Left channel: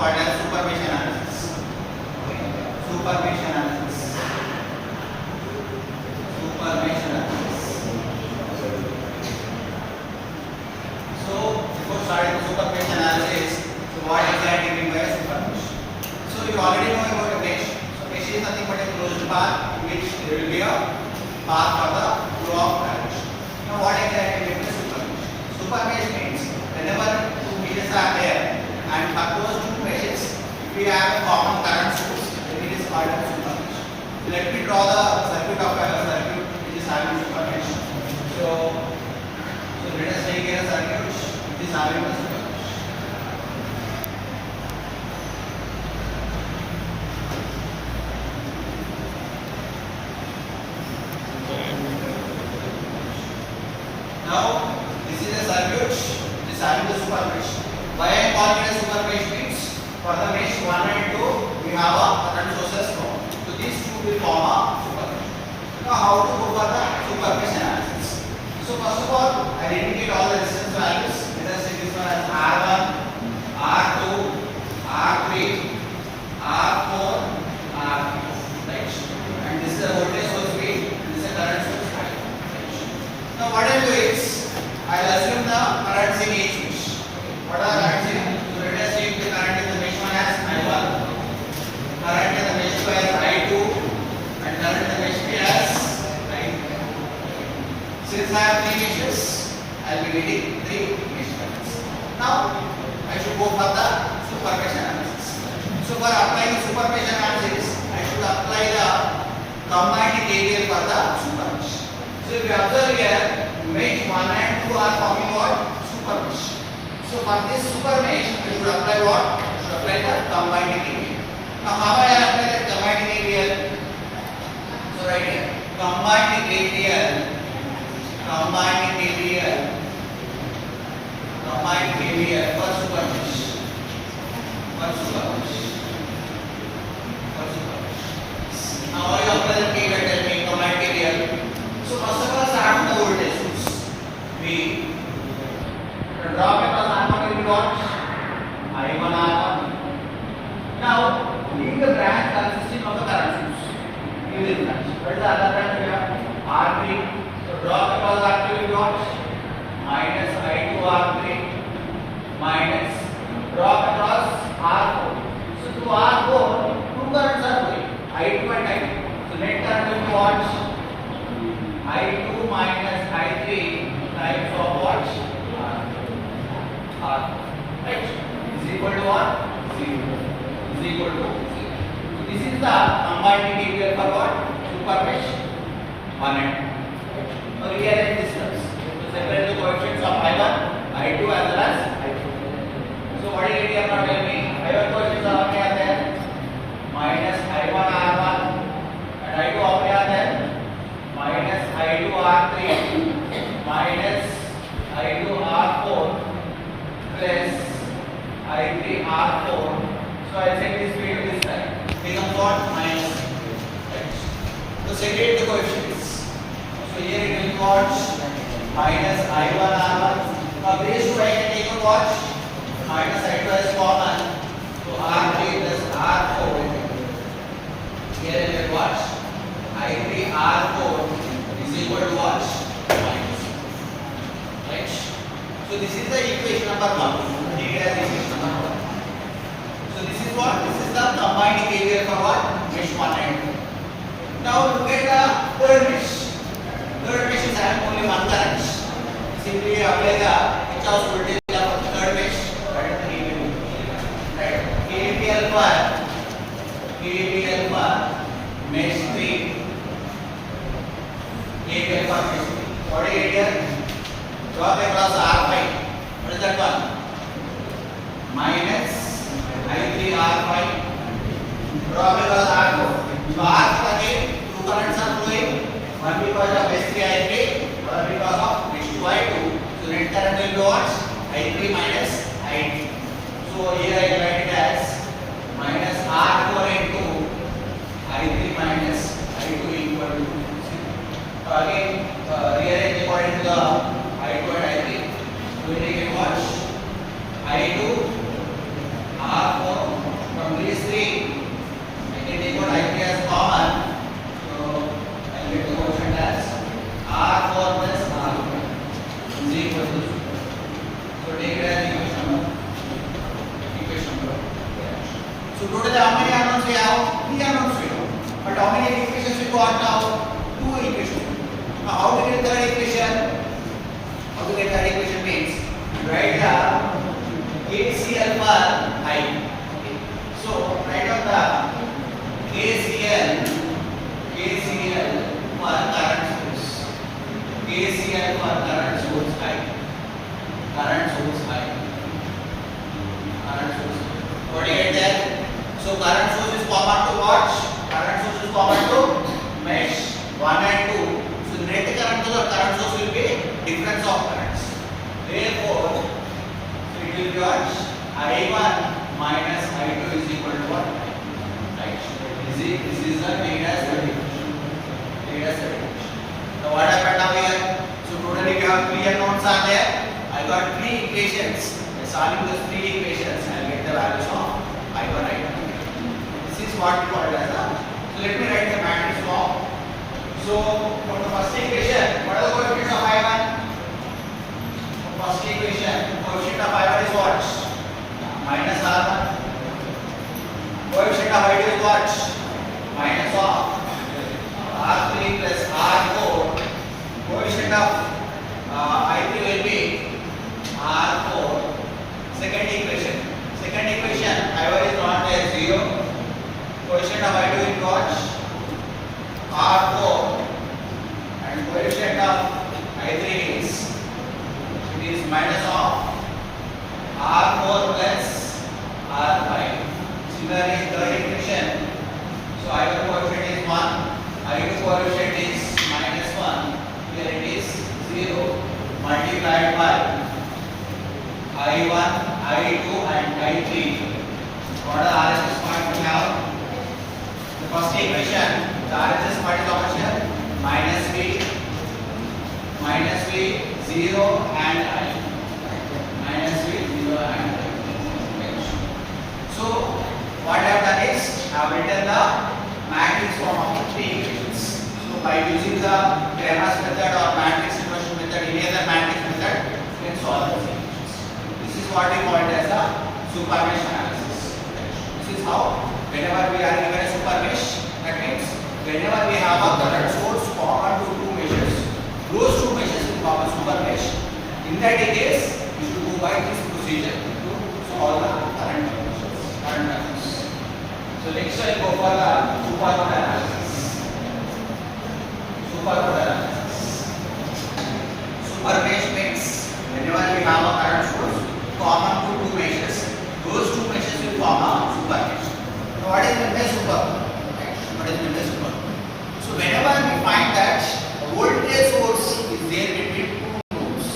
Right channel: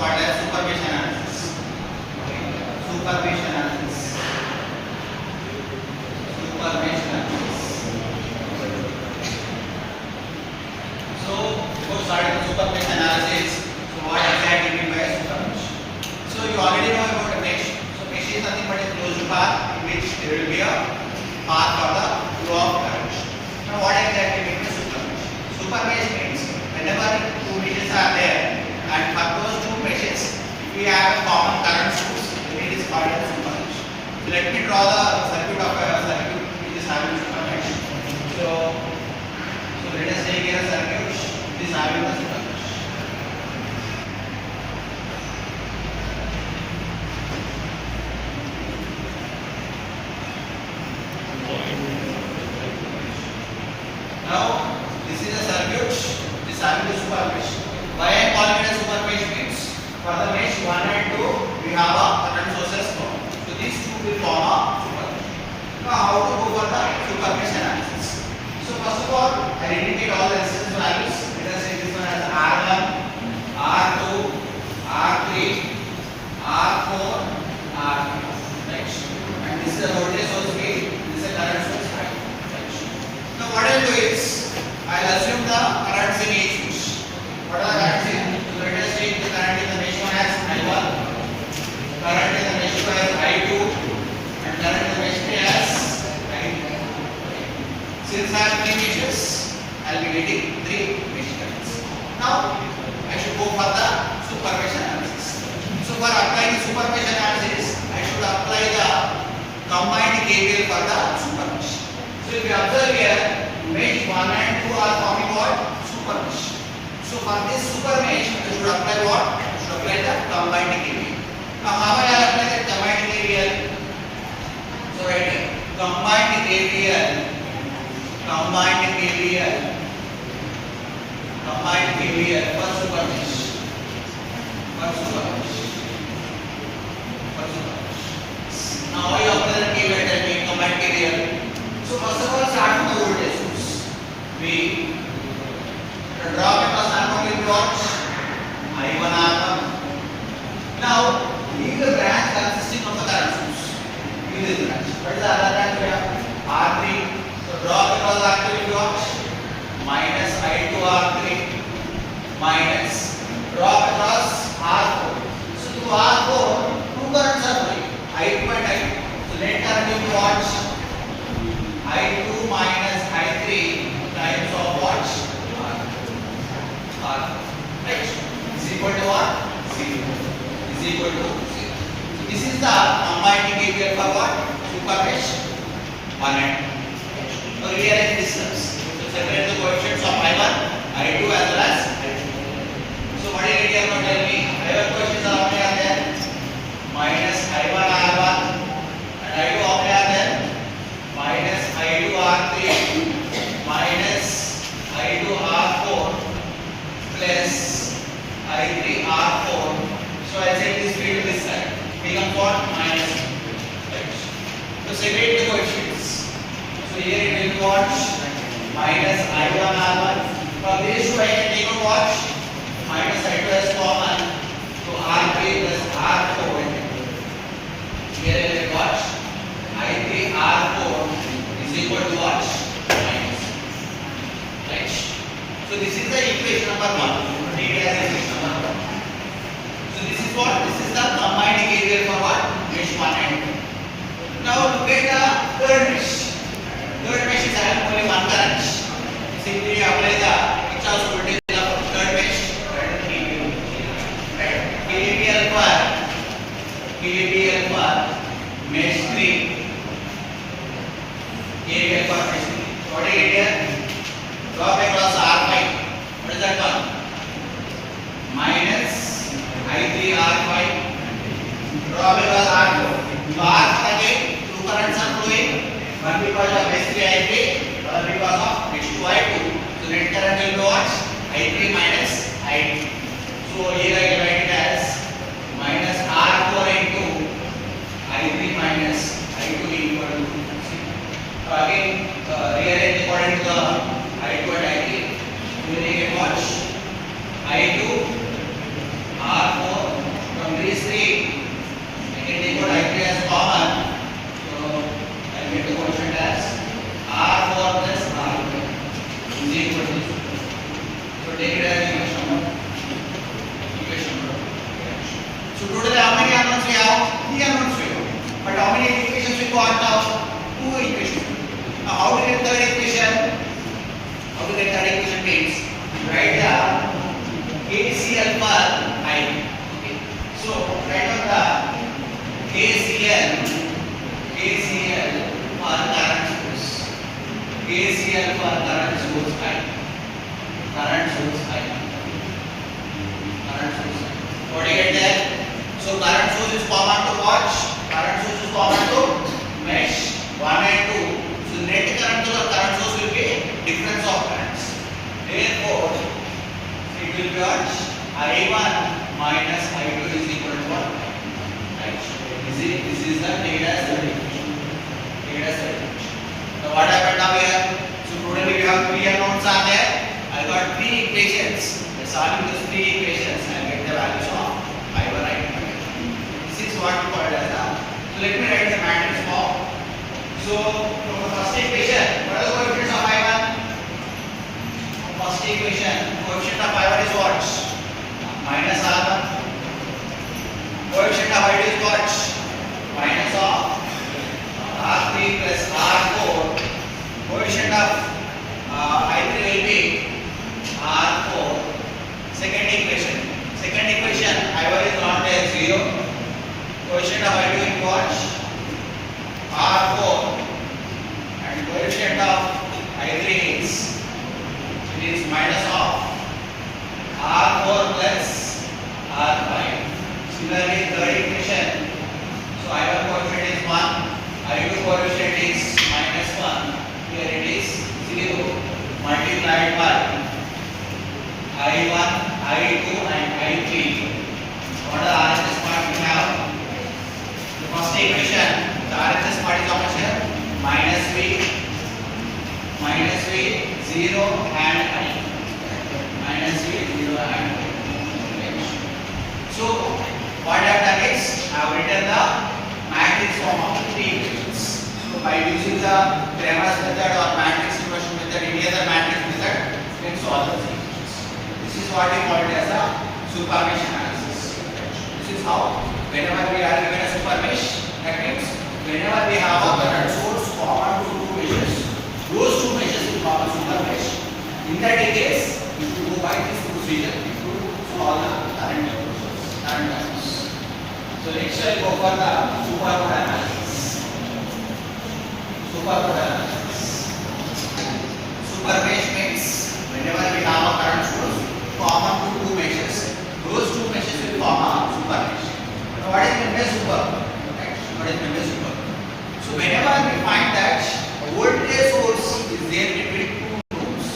called as supermesh analysis. Supermesh analysis. Supermesh analysis. So before starting the supermesh analysis, so what exactly mean by a supermesh? So you already know about a mesh. So mesh is nothing but a closed path in which there will be a path for the flow of current. Now what exactly means a supermesh? Supermesh means whenever two meshes are there and for those two meshes if we have a common current source, then it is called as supermesh. So let me draw the circuit of a circuit which is having supermesh. So let us take a circuit which is having a supermesh. Now this is a circuit which is having the supermesh. Why I am calling it a supermesh means for the mesh 1 and 2 we have a current sources flow. So these two will form a supermesh. Now how to go for the supermesh analysis? So first of all, identify all the resistance values. Let us say this one as R1, R2, R3, R4, R5. Right? And this is the voltage source V. This is the current source I. Right? Now what I will do is I will assume the currents in each mesh. What are currents in? So let us take the current in the mesh 1 as I1, current in the mesh 2 as I2, and current in the mesh 3 as I2. Since I have 3 meshes, I will be getting 3 mesh currents. Now I should go for the supermesh analysis. So for applying the supermesh analysis, I should apply the combined KVL for the supermesh. So if you observe here, mesh 1 and 2 are forming what? Supermesh. So for this supermesh, you should apply what? You should apply the combined KVL. Now how I apply the combined KVL? So right here, combined KVL for supermesh. Now how you apply the KVL? Tell me combined KVL. So first of all, start from the voltage source. We draw across R1 will be what? I1 R1. Now leave the branch consisting of the current source. Leave this branch. What is the other branch here? R3. So draw across R3 will be what? Minus I2 R3 minus draw across R4. So to R4, two currents are flowing. I2 and I2. So net current will be what? I2 minus I3 times of what? R. Right? Is equal to what? 0. Is equal to 0. So this is the combined KVL for what? Supermesh 1 and 2. Now rearrange these terms. So separate the coefficients of I1, I2 as well as I2. So what did you have tell me? I1 coefficients are how many are there? Minus I1 R1 and I2 how many are there? Minus I2 R3 minus I2 R4 plus I3 R4. So I set this field to this side. Become what? Minus. Right. So separate the coefficients. So here it will be what? Minus I1 R1. From this two I can take out what? Minus I2 as common. So R3 plus R4. Here it will be what? I3 R4 is equal to what? Minus. Right? So this is the equation number 1. Take it as equation number 1. So this is what? This is the combined KVL for what? Mesh 1 and 2. Now look at the third mesh. Third mesh is having only one current. Simply apply the Kirchhoff's voltage law for third mesh and KVL. Right? KVL for mesh 3. KVL for mesh 3. What is it here? Draw across R5. What is that one? Minus I3 R5. Draw across R4. So R again, two currents are flowing. One because of S3 I3, other because of H2 I2. So net current will be what? I3 minus I2. So here I write it as minus R4 into I3 minus I2 equal to 0. Again, rearrange according to the I2 and I3. We will make it what? I2 R4 So total how many unknowns we have? 3 unknowns we have. But how many equations we got now? 2 equations. Now how to get third equation? How to get third equation means write the KCL for I. Okay. So write on the KCL for current source. KCL for current source I. Current source I. Current source. What do you get there? So current source is common to what? Current source is common to mesh 1 and 2. So net current to the current source will be difference of currents. Therefore, it will be what? I1 minus I2 is equal to what? Right. This is the Taylor's equation. Now what happened now here? So totally we have 3 unknowns are there. I got 3 equations. By solving those 3 equations, I will get the values of I1, I2. This is what we call it as a. So let me write the matrix form. So from the first equation, what are the coefficients of I1? First equation, coefficient of I1 is what? Minus R1. Coefficient of I2 is what? Minus of R3 plus R4. Coefficient of I3 will be R4. Second equation. Second equation, I1 is not there, 0. Coefficient of I2 is what? R4. And coefficient of I3 is minus of R4 plus R5. Similarly, third equation. So I1 coefficient is 1. I2 coefficient is minus 1. Here it is 0. Multiplied by I1, I2 and I3. What are the RHS part we have? The first equation, the RHS part is how much here? Minus V, 0 and I. Minus V, 0 and I. So, what I have done is, I have written the matrix form of the 3 equations. So, by using the Cramer's method or matrix inversion method, any other matrix method, you can solve the equations. This is what we call it as a super mesh analysis. This is how, whenever we are given a super mesh, that means whenever we have a current source common to 2 meshes, those 2 meshes will form a super mesh. In that case, you should go by this procedure to solve the current terms. So next I will go for the super node analysis. Super node analysis. Super mesh means whenever we have a current source common to 2 meshes, those 2 meshes will form a super mesh. Now what is meant by super? What is meant by super? So whenever we find that a voltage source is there between 2 nodes,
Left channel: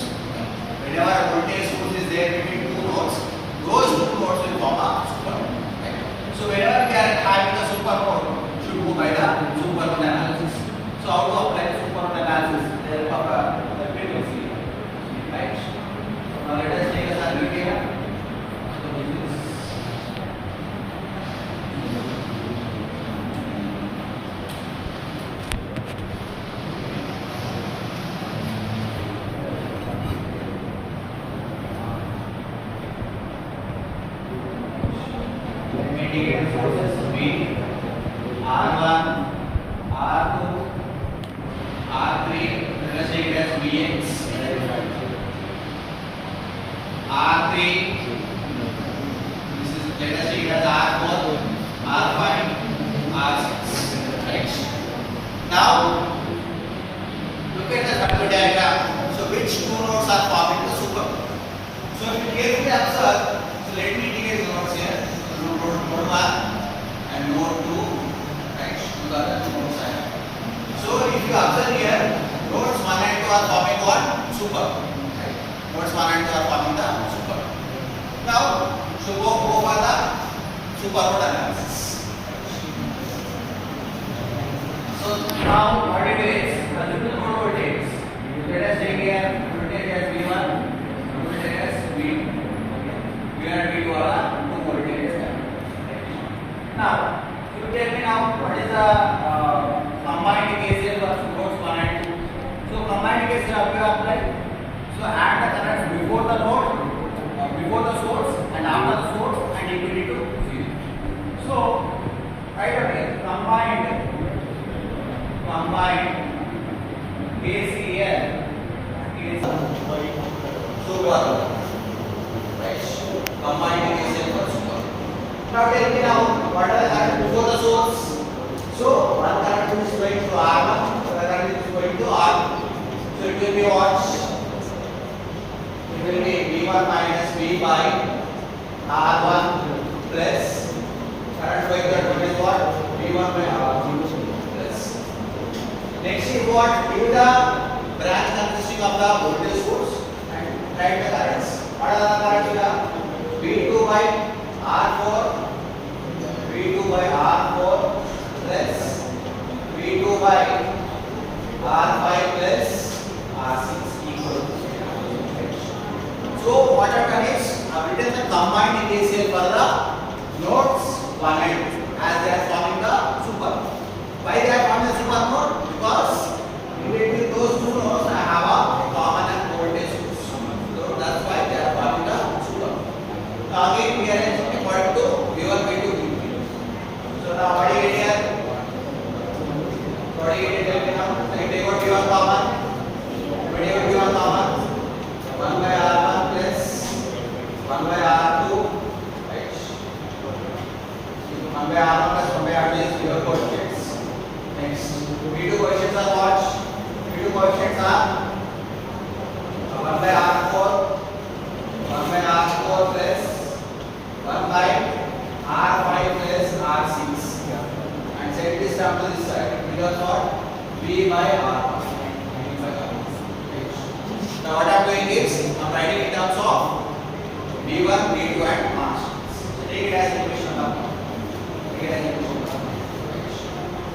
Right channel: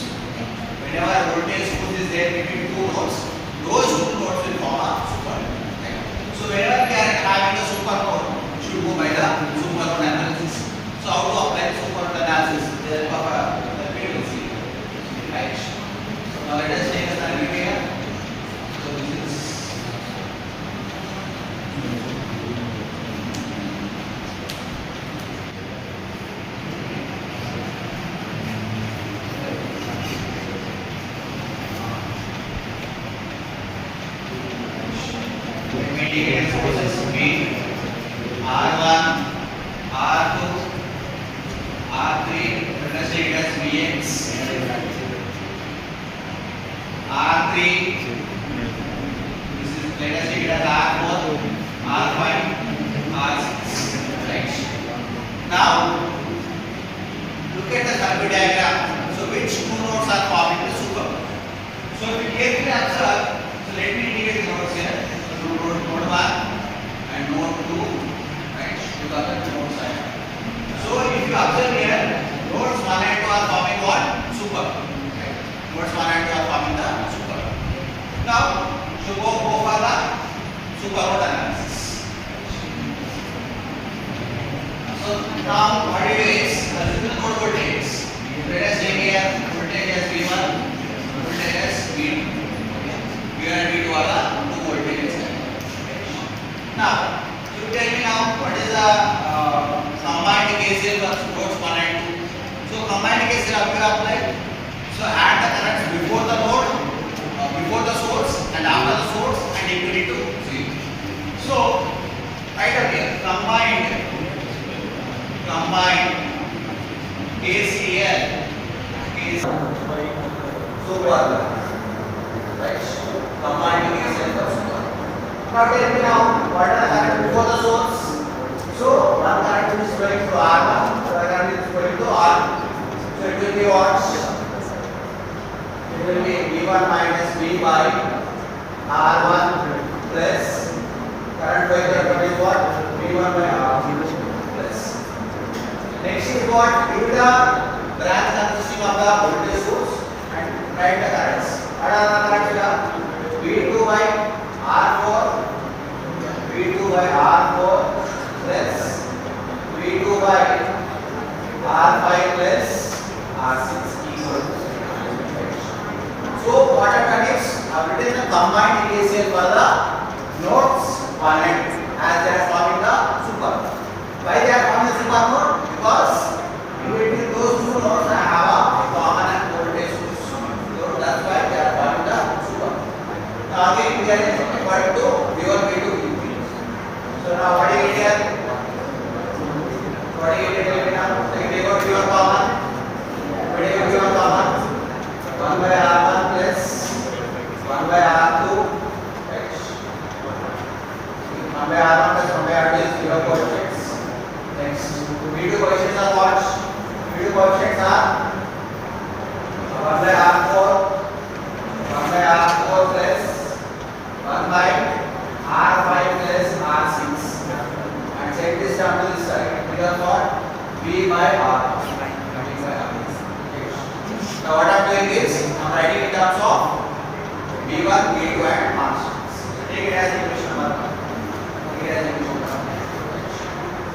whenever a voltage source is there between 2 nodes, those 2 nodes will form a super node. So whenever we are having a super node, we should go by the super node analysis. So how to apply the super node analysis? There are the frequency, right? So now let us take a circuit here. So this is indicated sources B, R1, R2, R3, let us take it as Vx, R3, this is, let us take it as R4, R5, R6, right? Now, look at the circuit diagram. So which 2 nodes are forming the super? So if you carefully observe, so let me indicate the nodes here. Node 1 and node 2, right? To the other nodes. So if you observe here, nodes 1 and 2 are forming what? Super. Right? Nodes 1 and 2 are forming the super. Now, so go for the super node analysis. So now what it is, the total node voltage. Let us take here voltage as V1, voltage as V2. V1 and V2 are the 2 voltages. Now, you tell me now what is the combined KCL for nodes 1 and 2. So combined KCL we apply. So add the currents before the node, before the source and after the source and equal it to 0. So Now tell me now, what are the current before the source? So one current is going to R1, other current is going to R2. So it will be what? It will be V1 minus V by R1 plus current by current is what? V1 by R2 plus. Next is what? Give the branch consisting of the voltage source and write the currents. What are the currents? V2 by R4, V2 by R4 plus V2 by R5 plus R6 equal to 0. So what are the next? I've written the combined KCL for the nodes 1 and 2 as they are forming the super node. Why they are forming the super node? Because between those two nodes I have a common and voltage source. So that's why they are forming the super node. Now again we are equal to V1 by 2 V3. So now what do you get here? What do you get here now? So you take out V1 common. What do you get V1 common? 1 by R1 plus 1 by R2 H. 1 by R1 plus 1 by R2 is 0 coefficients. Next, V2 coefficients are what? V2 coefficients are 1 by R4 plus 1 by R5 plus R6 and set this down to this side. It is what? V by R. Now what I am doing is I am writing in terms of V1, V2 and constants. Take it as equation number 1. Take it as equation number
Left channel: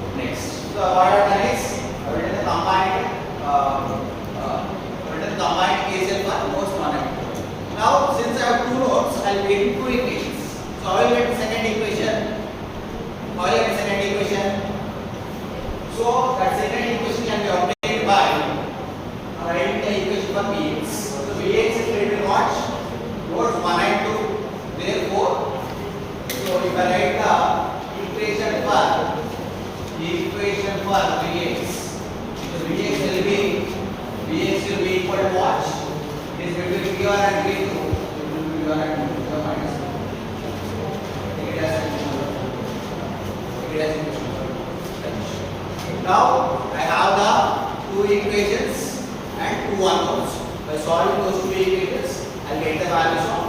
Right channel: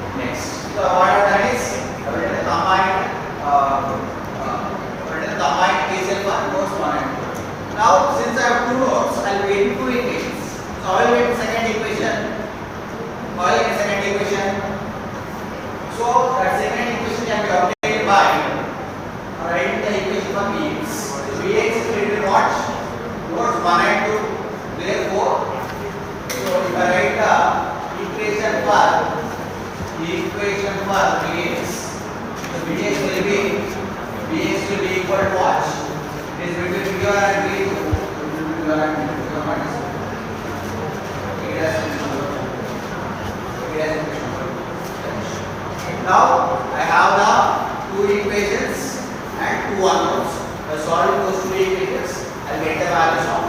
1. Next. So what I have done is I have written the combined KCL for nodes 1 and 2. Now since I have two nodes, I will make two equations. So I will get the second equation. So that second equation can be obtained by writing the equation for Vx. So Vx is written what? Nodes 1 and 2. Therefore, so if I write the equation for Vx, so Vx will be equal to what? It is between V1 and V2. Now I have the two equations and two unknowns. By solving those two equations, I will get the values of